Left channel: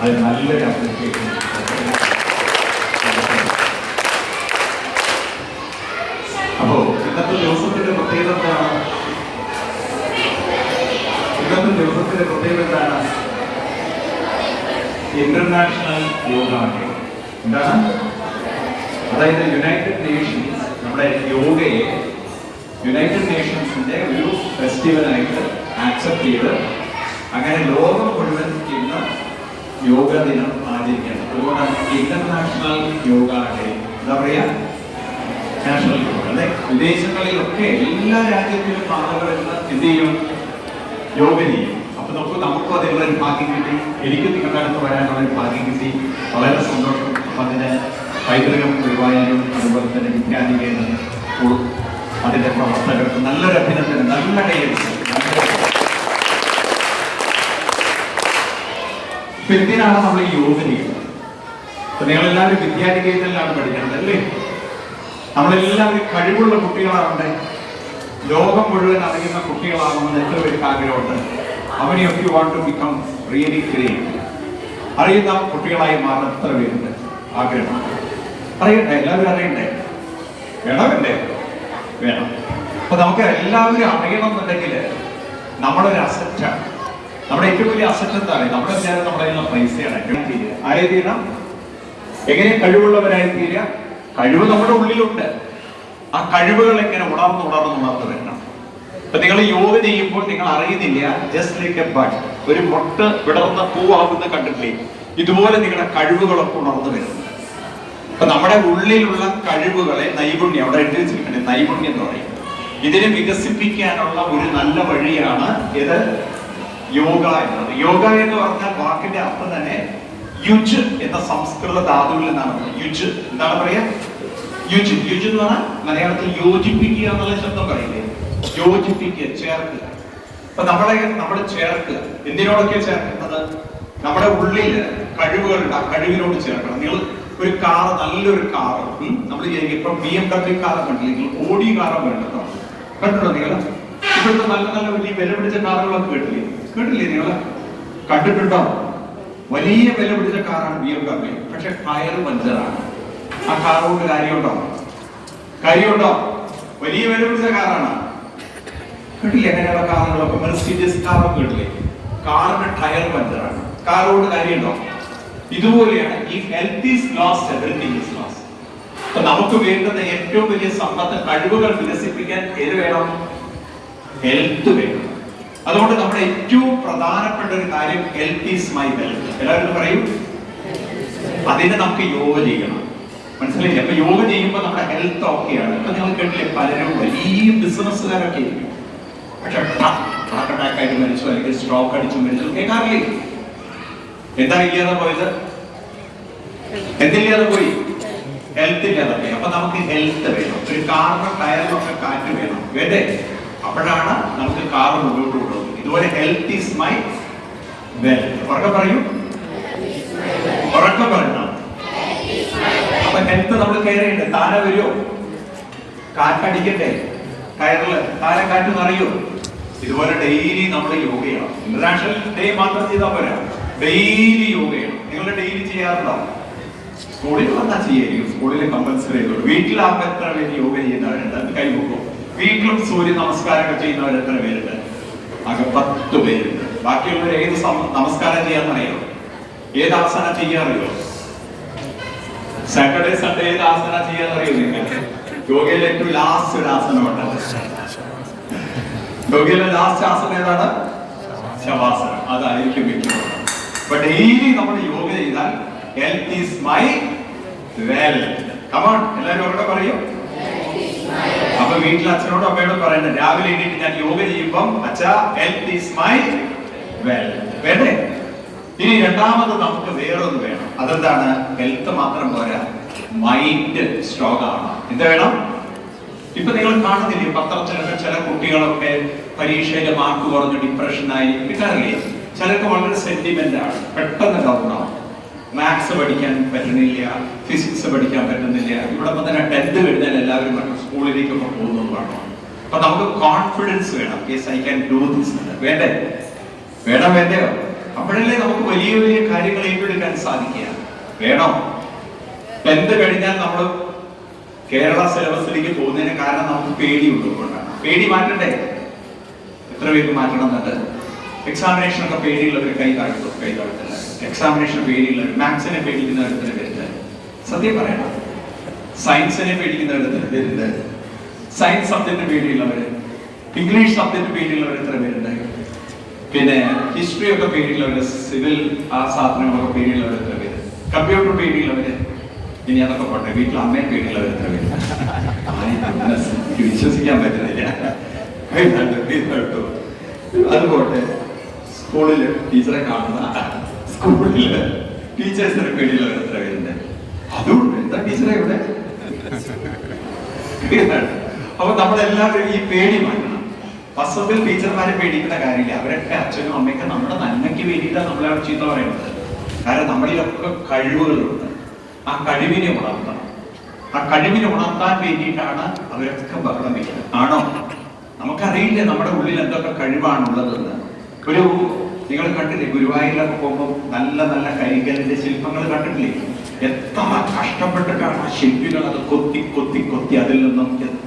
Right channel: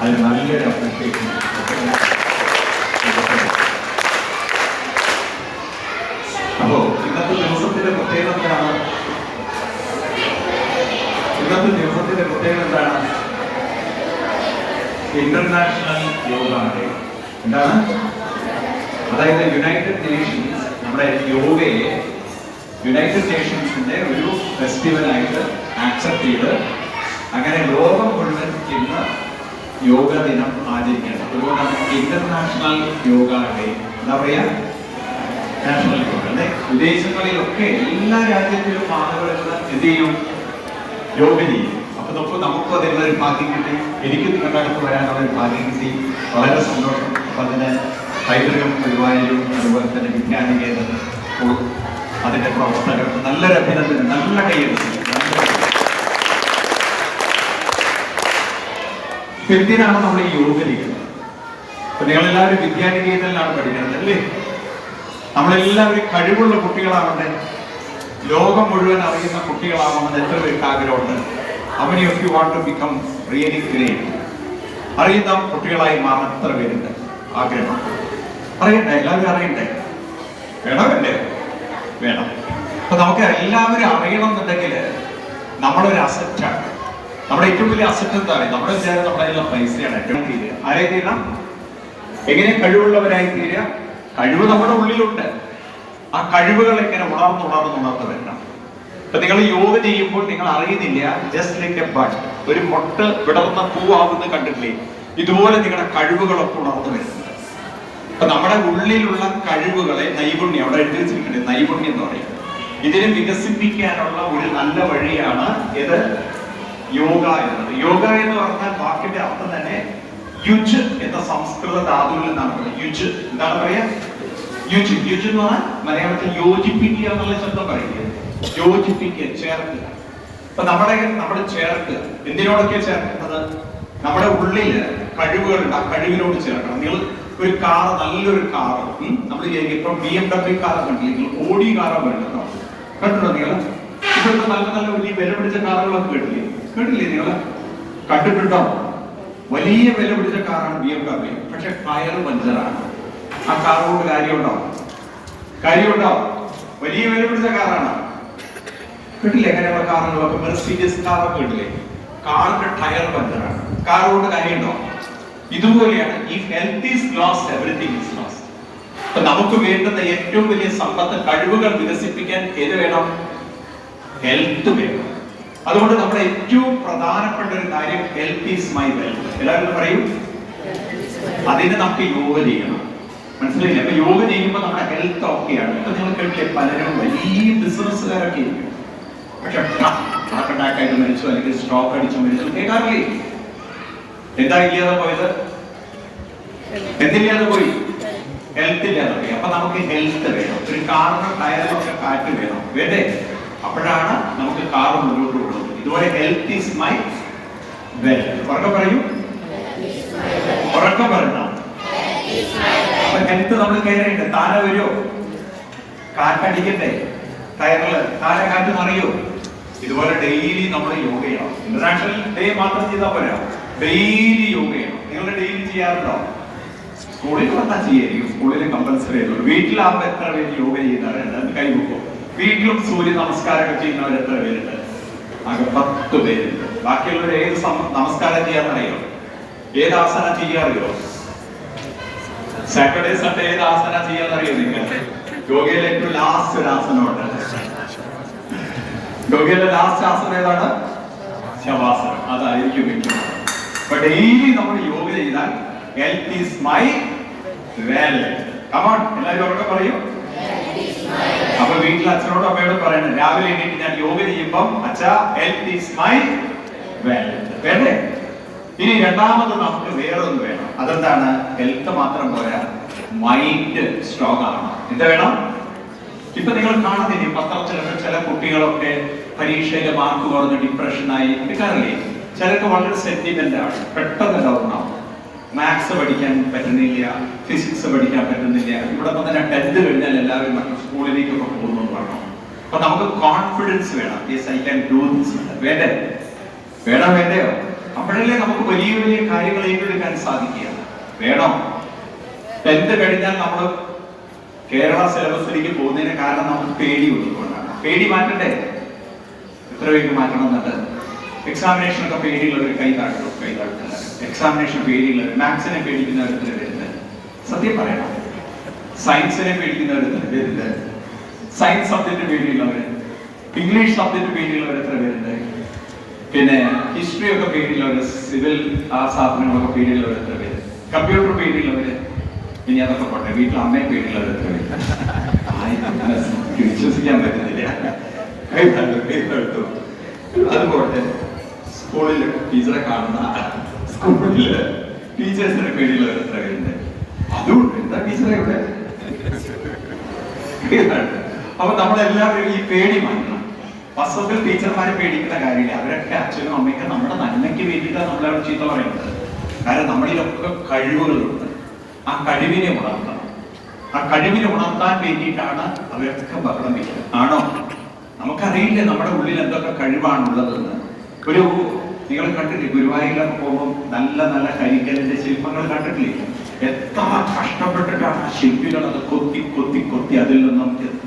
അത് നല്ലൊരു അപ്രിസിയേഷൻ. അപ്പോ ഇന്നത്തെ ദിവസത്തിന്റെ പ്രത്യേകത എന്താണ്? ഇന്നത്തെ ദിവസത്തിന്റെ ഇന്റർനാഷണൽ യോഗ എന്താണ്? അതായത് യുണൈറ്റഡ് നേഷൻസ് നമ്മുടെ യോഗയെ യുണൈറ്റഡ് നേഷൻസിന്റെ ഒരു ഫെസ്റ്റിവലായിട്ട് ആക്സെപ്റ്റ് ചെയ്ത് അങ്ങനെ ലോകം മുഴുവൻ ഇന്ന് യോഗ ദിനം ആചരിക്കേണ്ടത്. അതുകൊണ്ടാണ് ഇന്റർനാഷണൽ യോഗ ഡേ എന്താ പറയാ? നാഷണൽ യോഗ അല്ലെ? വിദേശങ്ങളിലൊക്കെ എല്ലാ രാജ്യത്തിലും ആളുകൾ എന്ത് ചെയ്യും യോഗ ചെയ്യും. അപ്പൊ നമുക്ക് നമുക്കും അതിനുള്ള ഒരു ഭാഗ്യം കിട്ടി? എനിക്ക് നിങ്ങളുടെ അടുത്ത് വരാനുള്ള ഒരു ഭാഗ്യം കിട്ടി. വളരെ സന്തോഷം. അപ്പൊ അതിന് പൈതൃകം ഗുരുവായൂരും അതുപോലെ തന്നെ വിജ്ഞാനികേന്ദ്രം അതിന്റെ പ്രവർത്തകർക്ക് നല്ലൊരു അഭിനന്ദനം നല്ല കൈയടിച്ചു ഇപ്പൊ എന്തിനാണ് നമ്മൾ ഈ യോഗ ചെയ്യുന്നത് അപ്പൊ നിങ്ങളെല്ലാവരും വിദ്യാനികേതനിലാണ് പഠിക്കുന്നത് അല്ലേ? നമ്മളെല്ലാവരും കഴിവുള്ള കുട്ടികളാവണ്ടേ? ലോകം മുഴുവൻ അറിയുന്ന കുട്ടികളാവണമെന്ന് എത്ര പേർക്ക് ആഗ്രഹമുണ്ട്? അവനെ of you want to become really great അറിയുന്ന കുട്ടികളായി മാറാൻ എത്ര പേരുണ്ട്? ആഗ്രഹം. അറിയണ്ടേ? എല്ലാവരും അറിയണ്ടേ? വേണമല്ലേ വേണം. അപ്പൊ നമുക്ക് എല്ലാവരും അറിയണം എന്നുണ്ടെങ്കിൽ നമ്മളൊരു അസറ്റാണ് നമ്മുടെ ഏറ്റവും വലിയ അസറ്റ് എന്താണ്? നമ്മുടെ വിചാരം നമ്മളതിനുള്ള പൈസയാണ്. ആരെ തീരാം എങ്ങനെ കഴിവുള്ളവരായി തീരുക? കഴിവ് നമ്മുടെ ഉള്ളിലുണ്ട്. ആ കഴിവുകൾ എങ്ങനെ ഉണർന്ന് ഉണർന്ന് ഉണർന്ന് വരണം ഇപ്പൊ നിങ്ങൾ യോഗ ചെയ്യുമ്പോൾ നിങ്ങൾ അറിയുന്നില്ല ജസ്റ്റ് ലൈക്ക് എ ബഡ് ഒരു മൊട്ട് വിടർന്ന പൂവാകുന്ന കണ്ടിട്ടില്ലേ? ഇതുപോലെ നിങ്ങളുടെ കഴിവുകളൊക്കെ ഉണർന്നു വരുന്നു. അപ്പൊ നമ്മുടെ ഉള്ളിലുള്ള കഴിവുകളെ നൈപുണ്യം അവിടെ എഴുതി വെച്ചിരിക്കണേ നൈപുണ്യം എന്ന് പറയും. ഇതിനെ വികസിപ്പിക്കാനുള്ള ഒരു നല്ല വഴിയാണ് ഇത്. യോഗ എന്നത് യോഗ എന്ന് പറഞ്ഞാൽ വാക്കിന്റെ അർത്ഥം തന്നെ യുജ് എന്ന സംസ്കൃത ധാതുവിൽ നിന്നാണ്. യുജ് എന്താണ് പറയാ യുജ്. യുജ് എന്ന് പറഞ്ഞാൽ മലയാളത്തിൽ യോജിപ്പിക്കുക എന്നുള്ള ശബ്ദം പറയില്ലേ യോജിപ്പിക്കുക ചേർക്കുക. അപ്പൊ നമ്മുടെ നമ്മുടെ ചേർക്കുക എന്തിനോടൊക്കെ ചേർക്കുന്നത്? നമ്മുടെ ഉള്ളിൽ കഴിവുകളുണ്ട്. ആ കഴിവിനോട് ചേർക്കണം. നിങ്ങൾ ഒരു കാർ നല്ലൊരു കാർ നമ്മൾ വിചാരിക്കും ഇപ്പൊ ബി എം ഡബ്ല്യു കാർ നിങ്ങൾ ഓടി കാർ വേണ്ടോ കണ്ടോ നിങ്ങൾ? ഇപ്പോഴത്തെ നല്ല നല്ല വലിയ വില പിടിച്ച കാറുകളൊക്കെ കേട്ടില്ലേ? കേട്ടില്ലേ നിങ്ങൾ കണ്ടിട്ടുണ്ടോ? വലിയ വില പിടിച്ച കാറാണ് ബി എം ഡബ്ല്യു പക്ഷെ ടയർ പഞ്ചറാണ് ആ കാർ കൊണ്ട് കാര്യമുണ്ടോ? കാര്യമുണ്ടോ? വലിയ വില പിടിച്ച കാറാണ് കേട്ടില്ലേ അങ്ങനെയുള്ള കാറുകളൊക്കെ മെർസിഡീസ് കാറൊക്കെ കേട്ടില്ലേ? കാറിന്റെ ടയർ പഞ്ചറാണ് കാർ കൊണ്ട് കാര്യമുണ്ടോ? ഇതുപോലെയാണ് ഈ health is lost everything is lost അപ്പൊ നമുക്ക് വേണ്ടുന്ന ഏറ്റവും വലിയ സമ്പത്ത് കഴിവുകൾ വികസിപ്പിക്കാൻ ഏത് വേണം? ഹെൽത്ത് വേണം. അതുകൊണ്ട് നമ്മുടെ ഏറ്റവും പ്രധാനപ്പെട്ട ഒരു കാര്യം ഹെൽത്ത് ഈസ് മൈ വെൽത്ത് എല്ലാവരും പറയും? അതിനെ നമുക്ക് യോഗ ചെയ്യണം. മനസ്സിലായില്ലേ? അപ്പൊ യോഗ ചെയ്യുമ്പോൾ നമ്മുടെ ഹെൽത്ത് ഓക്കെയാണ്. ഇപ്പൊ നിങ്ങൾ കേട്ടില്ലേ പലരും വലിയ ബിസിനസ്സുകാരൊക്കെ പക്ഷെ ഹാർട്ട് അറ്റാക്ക് ആയിട്ട് മരിച്ചു അല്ലെങ്കിൽ സ്ട്രോക്ക് അടിച്ചു മരിച്ചു കേൾക്കാറില്ലേ? എന്താ ഇല്ലാതെ പോയത്? എന്തില്ലാതെ പോയി? ഹെൽത്ത് ഇല്ലാതെ പോയി. അപ്പൊ നമുക്ക് ഹെൽത്ത് വേണം. ഒരു കാറിന് പക്ഷെ കാറ്റ് വേണം. വേണ്ടേ? അപ്പോഴാണ് നമുക്ക് കാർ മുന്നോട്ട് കൊണ്ടുപോകുന്നത് ഇതുപോലെ ഹെൽത്ത് ഈസ് മൈ വെൽ ഉറക്കെ പറയൂ. ഉറക്കെ പറഞ്ഞു അപ്പൊ ഹെൽത്ത് നമ്മൾ കയറിയിട്ട് താര വരുമോ കാറ്റടിക്കട്ടെ ടയറിൽ താര കാറ്റ് നിറയോ? ഇതുപോലെ ഡെയിലി നമ്മൾ യോഗ ചെയ്യണം. ഇന്റർനാഷണൽ ഡേ മാത്രം ചെയ്താൽ പോരാ. ഡെയിലി യോഗ ചെയ്യണം. നിങ്ങൾ ഡെയിലി ചെയ്യാറുണ്ടോ? സ്കൂളിൽ വന്നാൽ ചെയ്യായിരിക്കും. സ്കൂളിൽ കമ്പൽസറി ആയിട്ടുള്ളൂ. വീട്ടിലാകുമ്പോൾ എത്ര പേര് യോഗ ചെയ്യുന്നവരുണ്ട്? അത് കൈ കൈവക്കും വീട്ടിലും സൂര്യ നമസ്കാരമൊക്കെ ചെയ്യുന്നവർ എത്ര പേരുണ്ട്? ആകെ പത്ത് പേരുണ്ട്. ബാക്കിയുള്ളവർ ഏത് നമസ്കാരം ചെയ്യാന്നറിയോ ഏത് ആസന ചെയ്യാറിയോ സാറ്റർഡേ സൺഡേ ഏത് ആസന ചെയ്യാന്നറിയോ നിങ്ങൾ യോഗയിലെ ഏറ്റവും ലാസ്റ്റ് ഒരു ആസനമുണ്ട് യോഗയിലെ ലാസ്റ്റ് ആസനം ഏതാണ്? ശവാസനം. അതായിരിക്കും മിക്കത് അപ്പൊ ഡെയിലി നമ്മൾ യോഗ ചെയ്താൽ health is my well come on എല്ലാവരും അവിടെ പറയും. അപ്പൊ വീട്ടിൽ അച്ഛനോടും അമ്മയോടും പറയണം രാവിലെ എണീറ്റ് ഞാൻ യോഗ ചെയ്യുമ്പം ഹെൽത്ത് ഈസ് വേണ്ടേ? ഇനി രണ്ടാമത് നമുക്ക് വേറൊന്ന് വേണം. അതെന്താണ്? ഹെൽത്ത് മാത്രം പോരാ മൈൻഡ് സ്ട്രോങ് ആവണം എന്താ വേണം? ഇപ്പൊ നിങ്ങൾ കാണുന്നില്ലേ പത്രത്തിലൊക്കെ ചില കുട്ടികളൊക്കെ പരീക്ഷയിലെ മാർക്ക് കുറഞ്ഞ് ഡിപ്രഷനായി എടുക്കാറില്ലേ ചിലർക്ക് വളരെ സെന്റിമെന്റ് ആണ്. പെട്ടെന്ന് ഡൗൺ ആവും. മാത്സ് പഠിക്കാൻ പറ്റുന്നില്ല ഫിസിക്സ് പഠിക്കാൻ പറ്റുന്നില്ല. ഇവിടെ തന്നെ ടെൻത്ത് കഴിഞ്ഞാൽ എല്ലാവരും മറ്റു സ്കൂളിലേക്കൊക്കെ വേണം അപ്പൊ നമുക്ക് കോൺഫിഡൻസ് വേണം. Yes I can do this വേണ്ടേ? വേണം വേണ്ടയോ? അപ്പോഴല്ലേ നമുക്ക് വലിയ വലിയ കാര്യങ്ങൾ ഏറ്റെടുക്കാൻ സാധിക്കുക. വേണോ? ടെൻത്ത് കഴിഞ്ഞാൽ നമ്മൾ കേരള സിലബസിലേക്ക് പോകുന്നതിന് കാരണം നമുക്ക് പേടി ഉള്ളതുകൊണ്ടാണ്. പേടി മാറ്റണ്ടേ? എത്ര പേര് മാറ്റണം എന്നുണ്ട് എക്സാമിനേഷൻ ഒക്കെ പേടിയുള്ളവർ കൈ താഴ്ത്തും കൈ താഴ്ത്തില്ല എക്സാമിനേഷൻ പേടിയുള്ളവർ മാത്സിനെ പേടിക്കുന്നവർ ഇടത്തിന് വരുന്നത്. സത്യം പറയണം? സയൻസിനെ പേടിക്കുന്നവർ ഇടത്തിന് വരുന്നത്. സയൻസ് സബ്ജക്റ്റ് പേടിയുള്ളവർ ഇംഗ്ലീഷ് സബ്ജക്റ്റ് പേടിയുള്ളവർ എത്ര പേരുണ്ട്? പിന്നെ ഹിസ്റ്ററി ഒക്കെ പേടിയുള്ളവർ സിവിൽ ആ സാധനങ്ങളൊക്കെ പേടിയുള്ളവർ എത്ര പേര്? കമ്പ്യൂട്ടർ പേടിയുള്ളവര്? ഇനി അതൊക്കെ പോട്ടെ. വീട്ടിൽ അമ്മയെ പേടിയുള്ളവർ എത്ര പേര്? വിശ്വസിക്കാൻ പറ്റുന്നില്ല. പേരുണ്ട്, പേരുണ്ട്. അത് പോട്ടെ സ്കൂളിൽ ടീച്ചറെ കാണുന്ന സ്കൂളിൽ ടീച്ചേഴ്സിന് വേണ്ടിയുള്ള അതുകൊണ്ട് എന്താ ടീച്ചറെ ഇവിടെ. അപ്പൊ നമ്മളെല്ലാവരും ഈ പേടി മാറ്റണം. വാസ്തവത്തിൽ ടീച്ചർമാരെ പേടിക്കുന്ന കാര്യമില്ല. അവരൊക്കെ അച്ഛനും അമ്മയ്ക്ക് നമ്മുടെ നന്മയ്ക്ക് വേണ്ടിയിട്ടാണ് നമ്മളെ ചീത്ത പറയുന്നത്. കാരണം നമ്മളിലൊക്കെ കഴിവുകളുണ്ട്. ആ കഴിവിനെ ഉണർത്തണം ആ കഴിവിനെ ഉണർത്താൻ വേണ്ടിയിട്ടാണ് അവരൊക്കെ ബഹളം വയ്ക്കുന്നത് ആണോ? നമുക്കറിയില്ല നമ്മുടെ ഉള്ളിൽ എന്തൊക്കെ കഴിവാണുള്ളതെന്ന്. ഒരു നിങ്ങൾ കണ്ടില്ലേ? ഗുരുവായൂരൊക്കെ പോകുമ്പോൾ നല്ല നല്ല കരിങ്കലിന്റെ ശില്പങ്ങൾ കണ്ടിട്ടില്ലേ? എത്ര കഷ്ടപ്പെട്ടിട്ടാണ് ആ ശില്പികൾ അത് കൊത്തി കൊത്തി കൊത്തി അതിൽ നിന്നും